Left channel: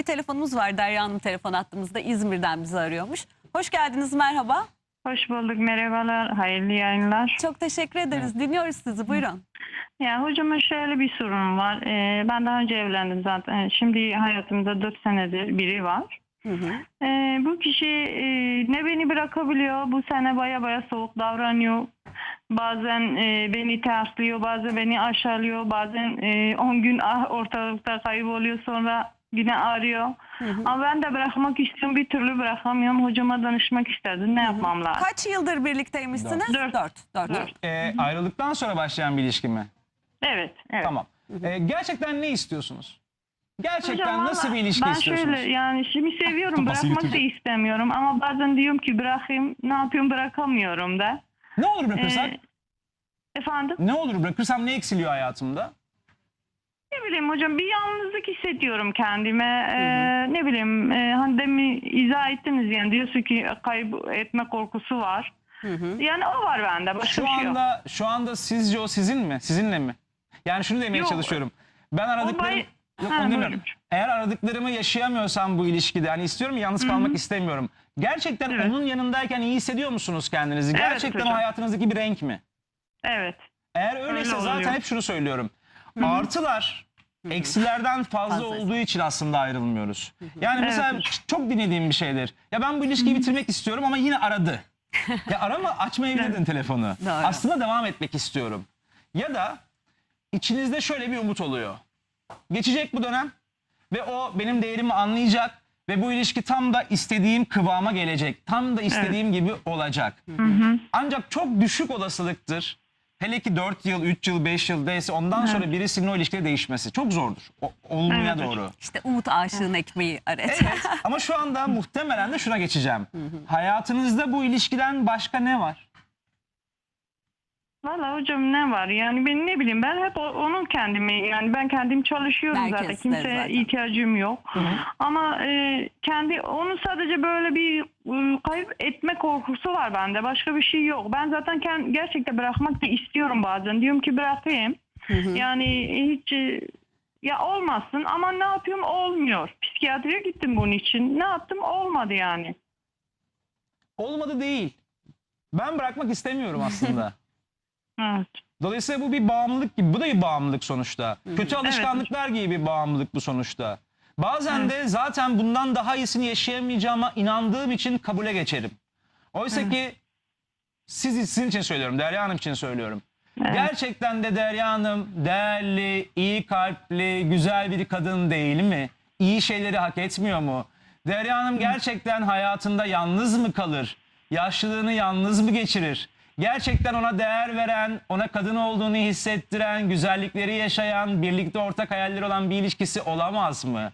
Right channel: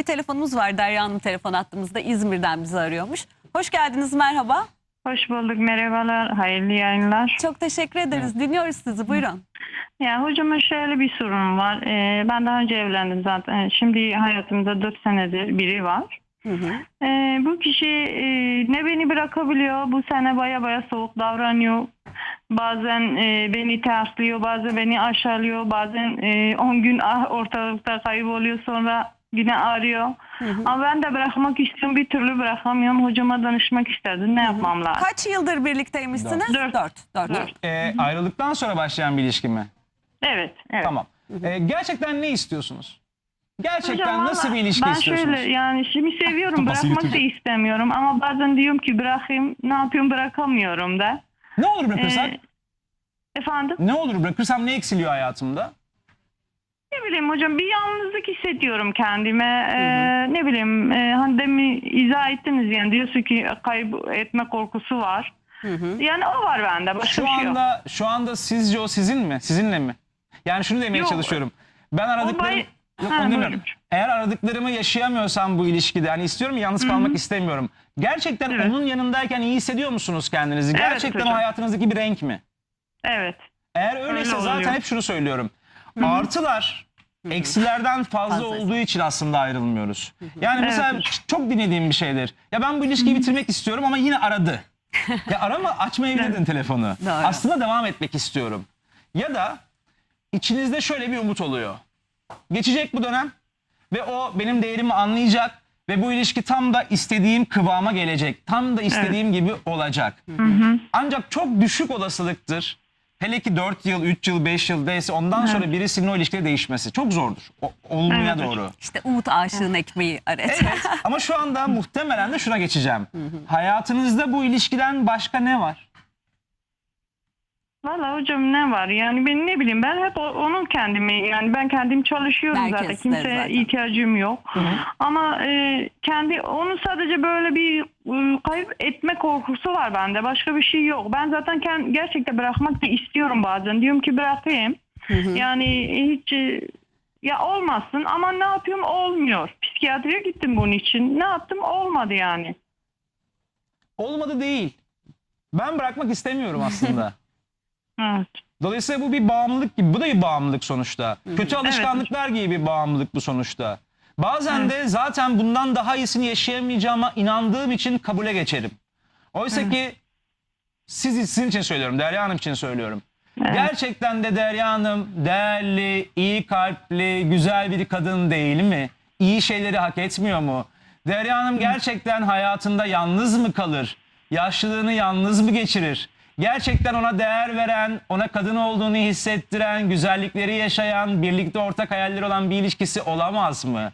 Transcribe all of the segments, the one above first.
bir telefonumuz var. Derya Hanım telefon attığımızda İzmir'den bizi arıyormuş. Hoş geldiniz merhaba. Hoş bulduk, merhabalar, hayırlı yayınlar. Çok teşekkür ederiz. Dinliyoruz sizi buyurun. Ya hocama şöyle bir sorun var. Ee, ben daha önce evlendim zaten. Şimdi hayatımda 4 senedir biri var. Hı hı. Ee, bu kişi e, ne beni bırakabiliyor, bu sene baya baya soğuk davranıyor. Bazen e, beni terslıyor, bazen beni aşağılıyor, bazen 10 gün ah- ortalıkta kayboluyor sonra yine arıyor. Hı hı. Ama ben de bırakmak istiyorum, bir türlü bırakamıyorum. Hocama danışmak istedim, ne yapmam lazım? Kaç yıldır birlikteymişsiniz? Dört. Dört. Dört. Dört. Ee, ayrılıktan sonra başlayan bir ilişki mi? Evet, evet. Tamam. Ee, gerçekten ne istiyorsunuz? Gerçekten Hocam nasıl bir ilişki ben istiyorsunuz? şöyle yani şimdi seviyorum bırakmak da istemiyorum ama bazen diyorum ki bırakayım ne yapıyorum bırakamıyorum da. Ne olur bırakırsak? Ee, efendim Ne olur bırakırsam ne eksiliyor hayatımda? Ne bileyim hocam bir yalnızlık hissediyorum kendime. Ee, ne bileyim e, hani demin izah ettiniz yani diyorsun ki kaybetme korkusu var. Hı hı. Yani o var bende başka Şu bir şey yok. anda şu anda sizce o sizin mi? Sizinle mi? Yani şunu demeye Yok. çalışıyorum. Ben aradıklarım Yok, Ha, onu demiyorum. buyurun. Eğer aradıklarımı yaşayamıyorsam bu ilişkide hani istiyorum ya, yalnız kalmak istemiyorum. Gerçekten Evet. onun yanındayken iyi hissediyor musunuz kendinizi? Evet Gerçekten o hocam. hayatınızdaki bir renk mi? Evet. Eğer öyleyse Öyle oluyor. zaten hep şunu söylüyorum. Artılar eksilerden fazla Fazla. olduğu için aslında ayrılmıyoruz. Yani mesela çok dinlediğim bir şeydir. Ya ben bu ilişkiyi bitirmek istiyorum ama yine aradı. ya arama açmayabilirdin telefonu. Doğru. Aslında devam etmek istiyorum. Ya da içinizde şöyle bir umut oluyor. Geçecek bu dönem ve o benim değerimi anlayacak ve bu ilişki tam da istediğim kıvama gelecek. Tam da istediğim gibi olacak. Ancak çok düşük olasılıktır. Hele ki 4 yıl, 3 yıl, 5 yıl neyse ondan sonra birisinin o ilişkide değişmesi. Çok zordur. O, olmaya Evet. doğru. İşte umut aşığın ekmeği aret. Evet ama şu anda muhtemelen de şuna geçeceğim. Hayatınızda bu ilişkiden başka ne var? Valla hocam ne var? Yani ben ne bileyim ben hep onun kendimi yani ben kendim çalışıyorum Herkes zaten. kimseye zaten. ihtiyacım yok. Ama e, kendi onu sadece böyle bir e, kayıp etme korkusu var bende. Başka bir şey yok. Ben zaten kend, gerçekten bırakmak da istiyorum bazen. Diyorum ki bırakayım. Yani hiç e, ya olmasın ama ne yapıyorum olmuyor. Psikiyatriye gittim bunun için. Ne yaptım? Olmadı yani. Olmadı değil. Ben bırakmak istemiyorum aslında. evet. Dolayısıyla bu bir bağımlılık gibi. Bu da bir bağımlılık sonuçta. Kötü alışkanlıklar gibi bir bağımlılık bu sonuçta. Bazen de zaten bundan daha iyisini yaşayamayacağıma inandığım için kabule geçerim. Oysa ki siz sizin için söylüyorum, Derya Hanım için söylüyorum. Gerçekten de Derya Hanım değerli, iyi kalpli, güzel bir kadın değil mi? İyi şeyleri hak etmiyor mu? Derya Hanım gerçekten hayatında yalnız mı kalır? Yaşlılığını yalnız mı geçirir? Gerçekten ona değer veren, ona kadın olduğunu hissettiren, güzellikleri yaşayan, birlikte ortak hayalleri olan bir ilişkisi olamaz mı?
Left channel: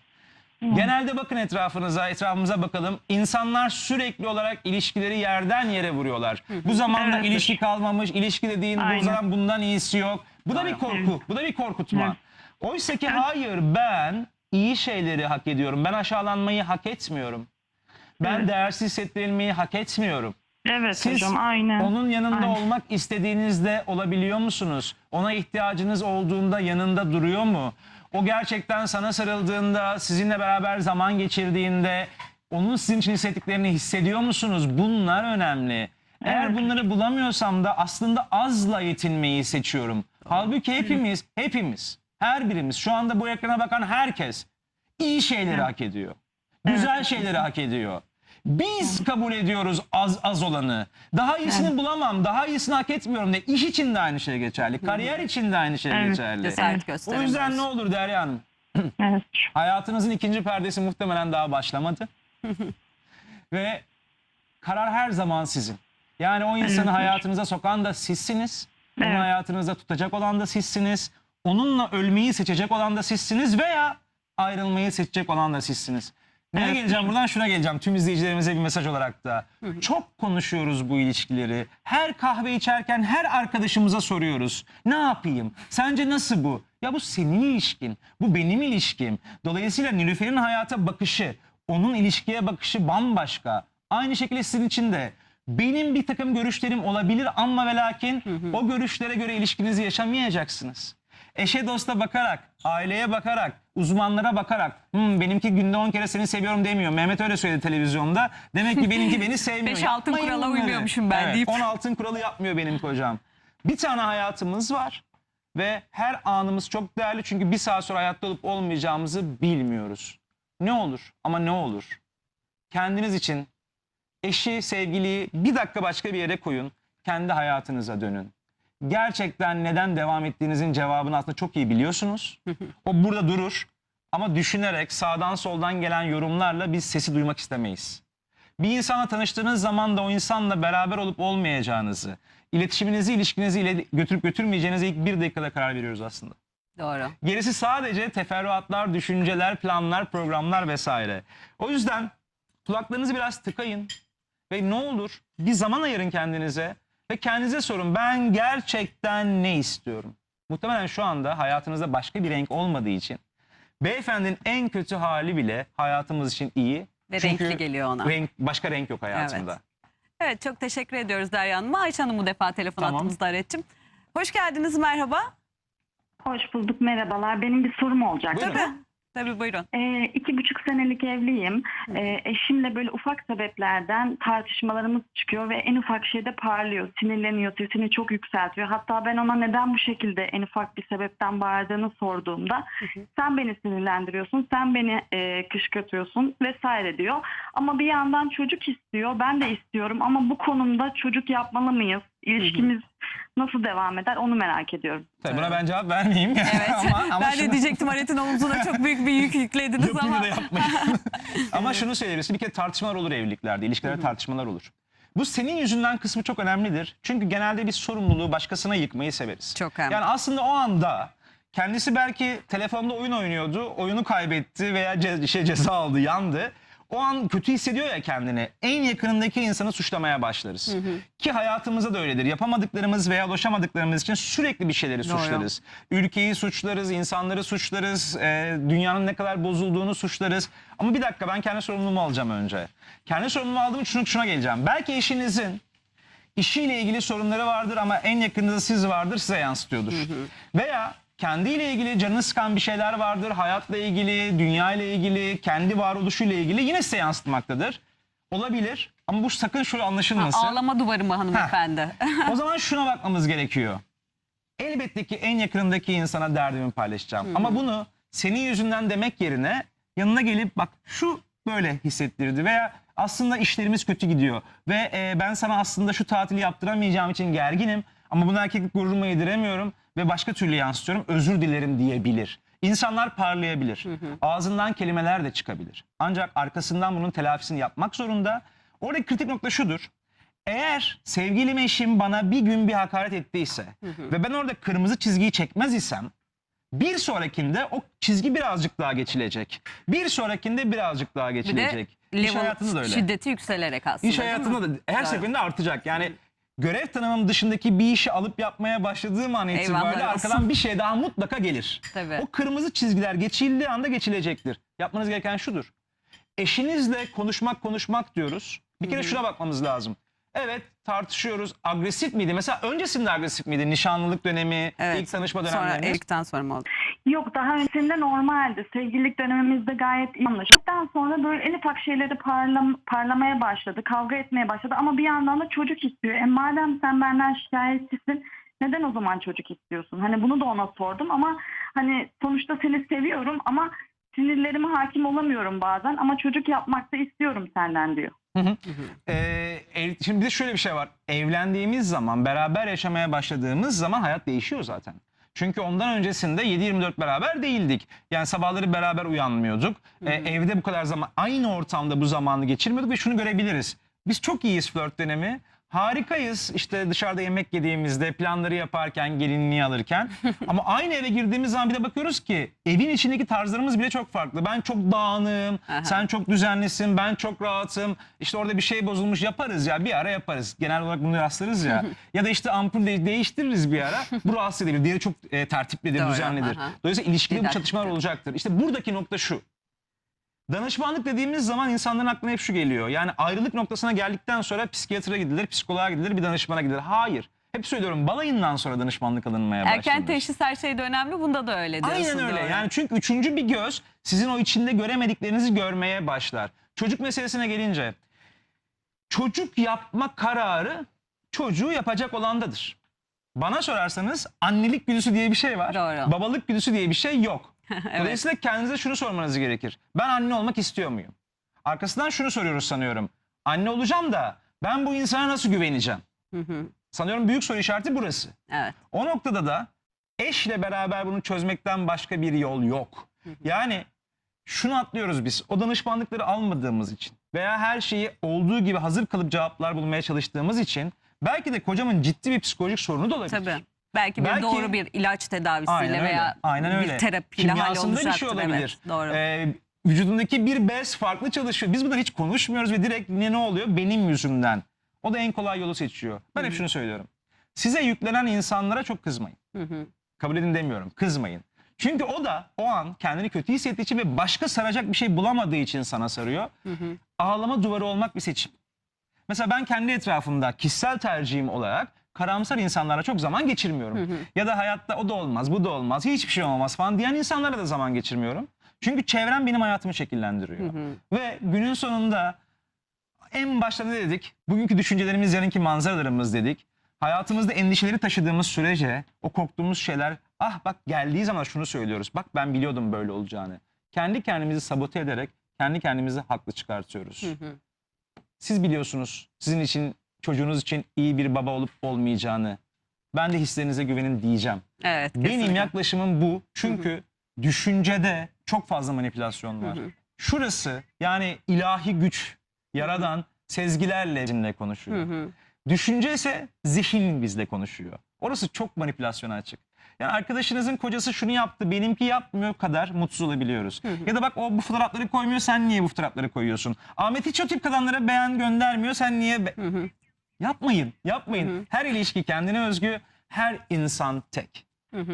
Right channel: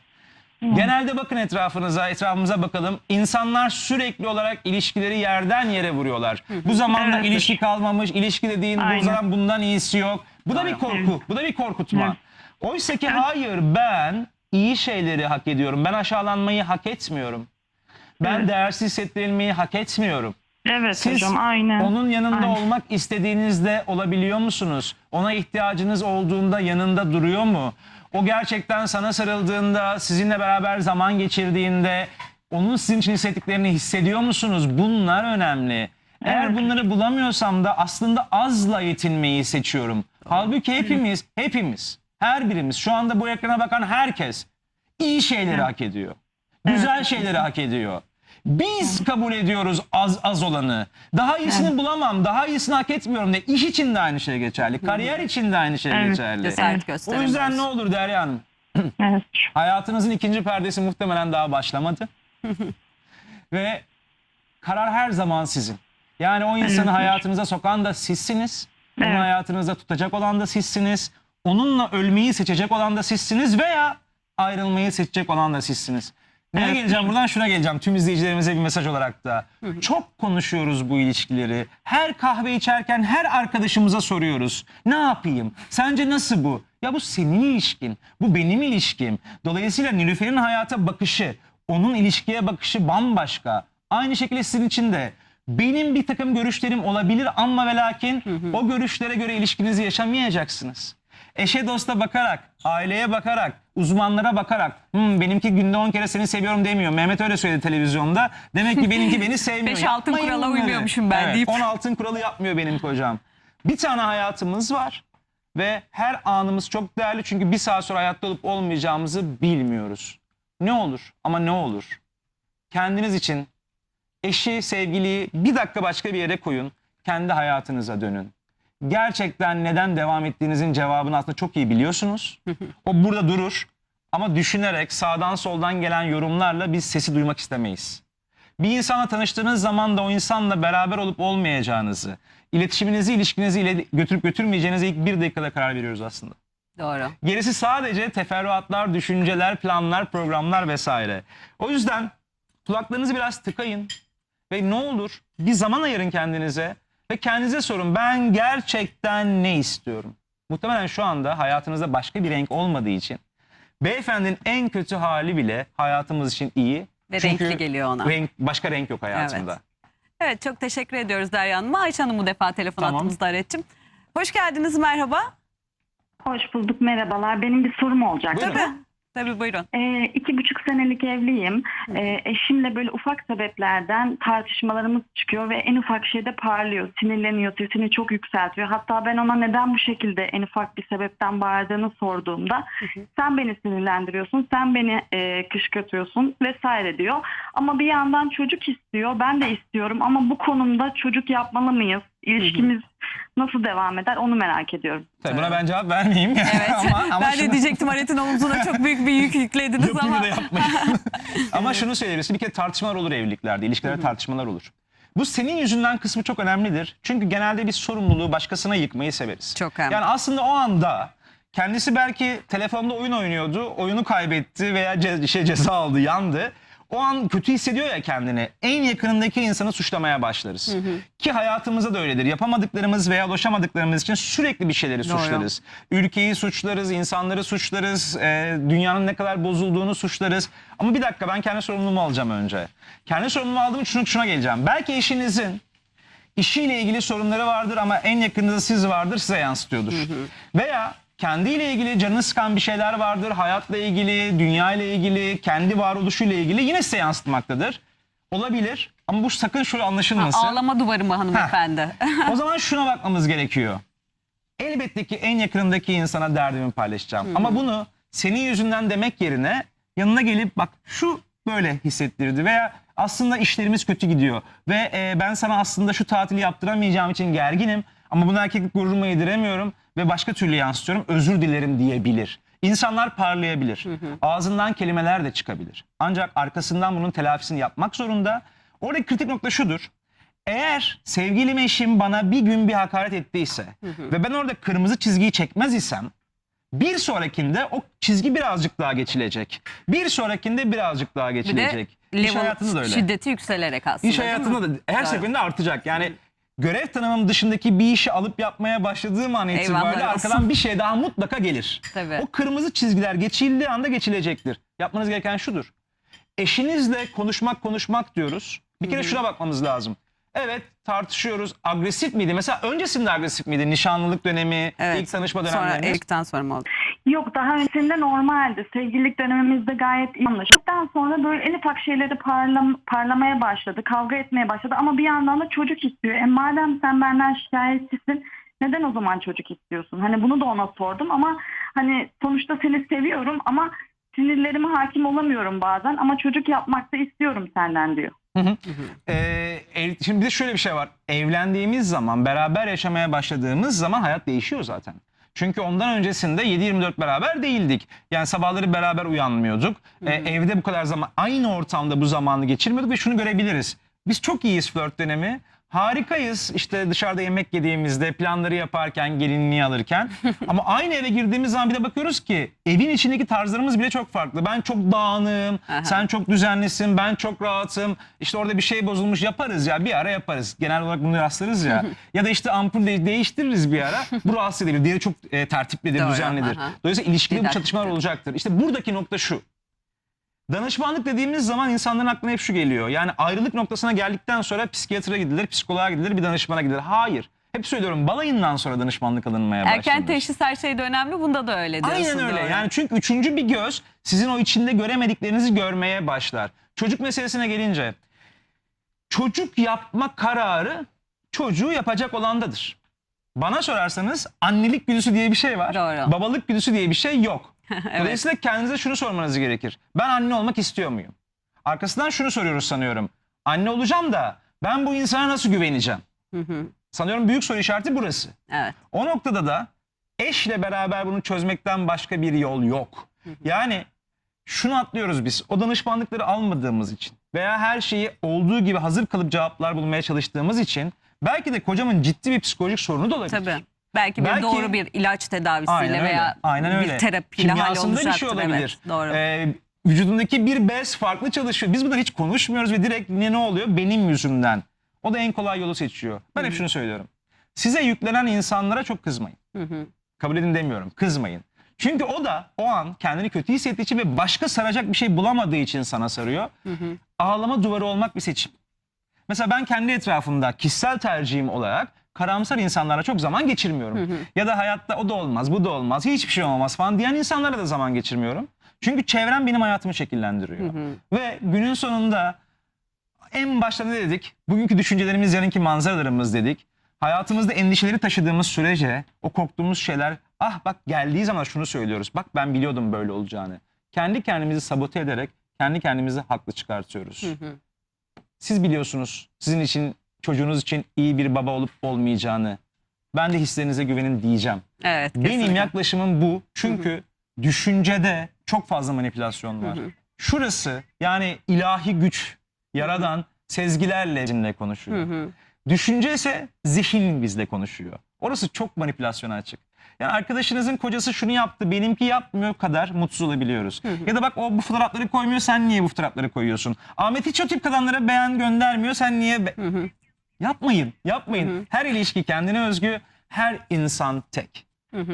Genelde bakın etrafınıza, etrafımıza bakalım. İnsanlar sürekli olarak ilişkileri yerden yere vuruyorlar. Bu zamanda Evet. ilişki kalmamış, ilişki dediğin bu zaman bundan iyisi yok. Bu da bir korku, bu da bir korkutma. Oysa ki hayır ben iyi şeyleri hak ediyorum. Ben aşağılanmayı hak etmiyorum. Ben Evet. değersiz hissettirilmeyi hak etmiyorum. Evet Siz hocam aynen. onun yanında Aynen. olmak istediğinizde olabiliyor musunuz? Ona ihtiyacınız olduğunda yanında duruyor mu? O gerçekten sana sarıldığında, sizinle beraber zaman geçirdiğinde onun sizin için hissettiklerini hissediyor musunuz? Bunlar önemli. Eğer Evet. bunları bulamıyorsam da aslında azla yetinmeyi seçiyorum. Halbuki hepimiz, hepimiz, her birimiz, şu anda bu ekrana bakan herkes iyi şeyleri hak ediyor. Güzel şeyleri hak ediyor. Biz kabul ediyoruz az az olanı. Daha iyisini bulamam, daha iyisini hak etmiyorum de. İş için de aynı şey geçerli. Kariyer için de aynı şey Evet. geçerli. Cesaret O gösteremiyoruz. yüzden ne olur Derya Hanım? Evet. Hayatınızın ikinci perdesi muhtemelen daha başlamadı. Ve karar her zaman sizin. Yani o insanı hayatınıza sokan da sizsiniz. Onu Evet. hayatınızda tutacak olan da sizsiniz. Onunla ölmeyi seçecek olan da sizsiniz veya ayrılmayı seçecek olan da sizsiniz. Neye geleceğim buradan şuna geleceğim tüm izleyicilerimize bir mesaj olarak da. Çok konuşuyoruz bu ilişkileri. Her kahve içerken her arkadaşımıza soruyoruz. Ne yapayım? Sence nasıl bu? Ya bu senin ilişkin. Bu benim ilişkim. Dolayısıyla Nilüfer'in hayata bakışı, onun ilişkiye bakışı bambaşka. Aynı şekilde sizin için de. Benim bir takım görüşlerim olabilir ama ve lakin o görüşlere göre ilişkinizi yaşamayacaksınız. Eşe dosta bakarak, aileye bakarak, uzmanlara bakarak "Hmm, benimki günde 10 kere seni seviyorum demiyor. Mehmet öyle söyledi televizyonda. Demek ki benimki beni sevmiyor. Beş altın Yapmayın kurala bunları. uymuyormuşum ben evet, deyip. 10 altın kuralı yapmıyor benim kocam. Bir tane hayatımız var ve her anımız çok değerli çünkü bir saat sonra hayatta olup olmayacağımızı bilmiyoruz. Ne olur ama ne olur? Kendiniz için eşi, sevgiliyi bir dakika başka bir yere koyun. Kendi hayatınıza dönün. Gerçekten neden devam ettiğinizin cevabını aslında çok iyi biliyorsunuz. O burada durur ama düşünerek sağdan soldan gelen yorumlarla biz sesi duymak istemeyiz. Bir insanla tanıştığınız zaman da o insanla beraber olup olmayacağınızı, iletişiminizi, ilişkinizi ile götürüp götürmeyeceğinize ilk bir dakikada karar veriyoruz aslında. Doğru. Gerisi sadece teferruatlar, düşünceler, planlar, programlar vesaire. O yüzden kulaklarınızı biraz tıkayın ve ne olur bir zaman ayırın kendinize ve kendinize sorun ben gerçekten ne istiyorum? Muhtemelen şu anda hayatınızda başka bir renk olmadığı için beyefendinin en kötü hali bile hayatımız için iyi. Ve Çünkü renkli geliyor ona. Renk, başka renk yok hayatımda. Evet. Evet çok teşekkür ediyoruz Derya Hanım'a. Ayşe Hanım bu defa telefon Tamam. attığımızda Aret'cim. Hoş geldiniz merhaba. Hoş bulduk, merhabalar. Benim bir sorum olacak. Buyurun. Tabii. Tabii buyurun. Ee, iki buçuk senelik evliyim. Ee, eşimle böyle ufak sebeplerden tartışmalarımız çıkıyor ve en ufak şeyde parlıyor, sinirleniyor, sesini çok yükseltiyor. Hatta ben ona neden bu şekilde en ufak bir sebepten bağırdığını sorduğumda sen beni sinirlendiriyorsun, sen beni e, kışkırtıyorsun vesaire diyor. Ama bir yandan çocuk istiyor, ben de istiyorum ama bu konumda çocuk yapmalı mıyız? İlişkimiz nasıl devam eder onu merak ediyorum. Tabii buna ben cevap vermeyeyim. Evet. ama, ama ben de şunu- diyecektim Aret'in omzuna çok büyük bir yük yüklediniz Yapayım ama. da yapmayın. Ama şunu söyleyebilirsin. Bir kere tartışmalar olur evliliklerde. ilişkilerde tartışmalar olur. Bu senin yüzünden kısmı çok önemlidir. Çünkü genelde biz sorumluluğu başkasına yıkmayı severiz. Çok önemli. Yani aslında o anda kendisi belki telefonda oyun oynuyordu. Oyunu kaybetti veya ce- şey ceza aldı, yandı. O an kötü hissediyor ya kendini. En yakınındaki insanı suçlamaya başlarız. Ki hayatımızda da öyledir. Yapamadıklarımız veya ulaşamadıklarımız için sürekli bir şeyleri Doğru. suçlarız. Ülkeyi suçlarız, insanları suçlarız, e, dünyanın ne kadar bozulduğunu suçlarız. Ama bir dakika ben kendi sorumluluğumu alacağım önce. Kendi sorumluluğumu aldığım şunu, şuna geleceğim. Belki eşinizin işiyle ilgili sorunları vardır ama en yakınında siz vardır size yansıtıyordur. Veya kendiyle ilgili canını sıkan bir şeyler vardır. Hayatla ilgili, dünya ile ilgili, kendi varoluşuyla ilgili yine size yansıtmaktadır. Olabilir ama bu sakın şöyle anlaşılmasın. Ağlama duvarı mı hanımefendi? O zaman şuna bakmamız gerekiyor. Elbette ki en yakınındaki insana derdimi paylaşacağım. Ama bunu senin yüzünden demek yerine yanına gelip bak şu böyle hissettirdi veya aslında işlerimiz kötü gidiyor ve e, ben sana aslında şu tatili yaptıramayacağım için gerginim ama bunu erkeklik gururuma yediremiyorum ve başka türlü yansıtıyorum özür dilerim diyebilir. İnsanlar parlayabilir. Ağzından kelimeler de çıkabilir. Ancak arkasından bunun telafisini yapmak zorunda. Oradaki kritik nokta şudur. Eğer sevgilim eşim bana bir gün bir hakaret ettiyse ve ben orada kırmızı çizgiyi çekmez isem bir sonrakinde o çizgi birazcık daha geçilecek. Bir sonrakinde birazcık daha Bir de geçilecek. İş hayatında da öyle. şiddeti yükselerek aslında. İş hayatında da her seferinde artacak. Yani görev tanımım dışındaki bir işi alıp yapmaya başladığım an itibariyle olsun. arkadan bir şey daha mutlaka gelir. Tabii. O kırmızı çizgiler geçildiği anda geçilecektir. Yapmanız gereken şudur. Eşinizle konuşmak konuşmak diyoruz. Bir kere şuna bakmamız lazım. Evet tartışıyoruz. Agresif miydi? Mesela öncesinde agresif miydi? Nişanlılık dönemi, Evet. ilk tanışma Sonra dönemleriniz. evlilikten sonra mı oldu? Yok daha öncesinde normaldi. Sevgililik dönemimizde gayet iyi anlaştıktan sonra böyle en ufak şeyleri parlam parlamaya başladı. Kavga etmeye başladı ama bir yandan da çocuk istiyor. E madem sen benden şikayetçisin neden o zaman çocuk istiyorsun? Hani bunu da ona sordum ama hani sonuçta seni seviyorum ama sinirlerime hakim olamıyorum bazen ama çocuk yapmak da istiyorum senden diyor. Ee, ev- şimdi bir de şöyle bir şey var. Evlendiğimiz zaman, beraber yaşamaya başladığımız zaman hayat değişiyor zaten. Çünkü ondan öncesinde 7-24 beraber değildik. Yani sabahları beraber uyanmıyorduk. Ee, evde bu kadar zaman, aynı ortamda bu zamanı geçirmiyorduk ve şunu görebiliriz. Biz çok iyiyiz flört dönemi. Harikayız işte dışarıda yemek yediğimizde, planları yaparken, gelinliği alırken. Ama aynı eve girdiğimiz zaman bir de bakıyoruz ki evin içindeki tarzlarımız bile çok farklı. Ben çok dağınığım, Aha. sen çok düzenlisin, ben çok rahatım. İşte orada bir şey bozulmuş yaparız ya bir ara yaparız. Genel olarak bunu rastlarız ya. ya da işte ampul de- değiştiririz bir ara. Bu rahatsız edebilir. Diğeri çok e, tertiplidir, Doğru, düzenlidir. aha. Dolayısıyla ilişkide bu çatışmalar olacaktır. İşte buradaki nokta şu. Danışmanlık dediğimiz zaman insanların aklına hep şu geliyor. Yani ayrılık noktasına geldikten sonra psikiyatra gidilir, psikoloğa gidilir, bir danışmana gidilir. Hayır. Hep söylüyorum balayından sonra danışmanlık alınmaya başlanır. Erken teşhis her şeyde önemli. Bunda da öyle diyorsun. Aynen öyle. doğru. Yani çünkü üçüncü bir göz sizin o içinde göremediklerinizi görmeye başlar. Çocuk meselesine gelince çocuk yapma kararı çocuğu yapacak olandadır. Bana sorarsanız annelik güdüsü diye bir şey var. Doğru. Babalık güdüsü diye bir şey yok. Evet. Dolayısıyla kendinize şunu sormanız gerekir. Ben anne olmak istiyor muyum? Arkasından şunu soruyoruz sanıyorum. Anne olacağım da ben bu insana nasıl güveneceğim? Hı hı. Sanıyorum büyük soru işareti burası. Evet. O noktada da eşle beraber bunu çözmekten başka bir yol yok. Yani şunu atlıyoruz biz. O danışmanlıkları almadığımız için veya her şeyi olduğu gibi hazır kalıp cevaplar bulmaya çalıştığımız için belki de kocamın ciddi bir psikolojik sorunu da olabilir. Tabii. Belki bir Belki- doğru bir ilaç tedavisiyle Aynen öyle. veya Aynen bir öyle. terapiyle Kimyasında bir şey olabilir. Evet, doğru. Ee, vücudundaki bir bez farklı çalışıyor. Biz bunları hiç konuşmuyoruz ve direkt ne ne oluyor? Benim yüzümden. O da en kolay yolu seçiyor. Ben hep şunu söylüyorum. Size yüklenen insanlara çok kızmayın. Hı hı. Kabul edin demiyorum. Kızmayın. Çünkü o da o an kendini kötü hissettiği için ve başka saracak bir şey bulamadığı için sana sarıyor. Hı hı. Ağlama duvarı olmak bir seçim. Mesela ben kendi etrafımda kişisel tercihim olarak karamsar insanlarla çok zaman geçirmiyorum. Ya da hayatta o da olmaz, bu da olmaz, hiçbir şey olmaz falan diyen insanlarla da zaman geçirmiyorum. Çünkü çevrem benim hayatımı şekillendiriyor. Ve günün sonunda en başta ne dedik? Bugünkü düşüncelerimiz yarınki manzaralarımız dedik. Hayatımızda endişeleri taşıdığımız sürece o korktuğumuz şeyler ah bak geldiği zaman şunu söylüyoruz. Bak ben biliyordum böyle olacağını. Kendi kendimizi sabote ederek kendi kendimizi haklı çıkartıyoruz. Hı hı. Siz biliyorsunuz sizin için çocuğunuz için iyi bir baba olup olmayacağını. Ben de hislerinize güvenin diyeceğim. Evet. Benim kesinlikle. yaklaşımım bu. Çünkü düşüncede çok fazla manipülasyon var. Hı hı. Şurası yani ilahi güç, yaradan sezgilerle bizimle konuşuyor. Hı hı. Düşünce ise zihin bizle konuşuyor. Orası çok manipülasyona açık. Yani arkadaşınızın kocası şunu yaptı, benimki yapmıyor kadar mutsuz olabiliyoruz. Ya da bak o bu fotoğrafları koymuyor, sen niye bu fotoğrafları koyuyorsun? Ahmet hiç o tip kadınlara beğen göndermiyor, sen niye... be- Hı hı. Yapmayın, yapmayın. Her ilişki kendine özgü, her insan tek. Hı hı.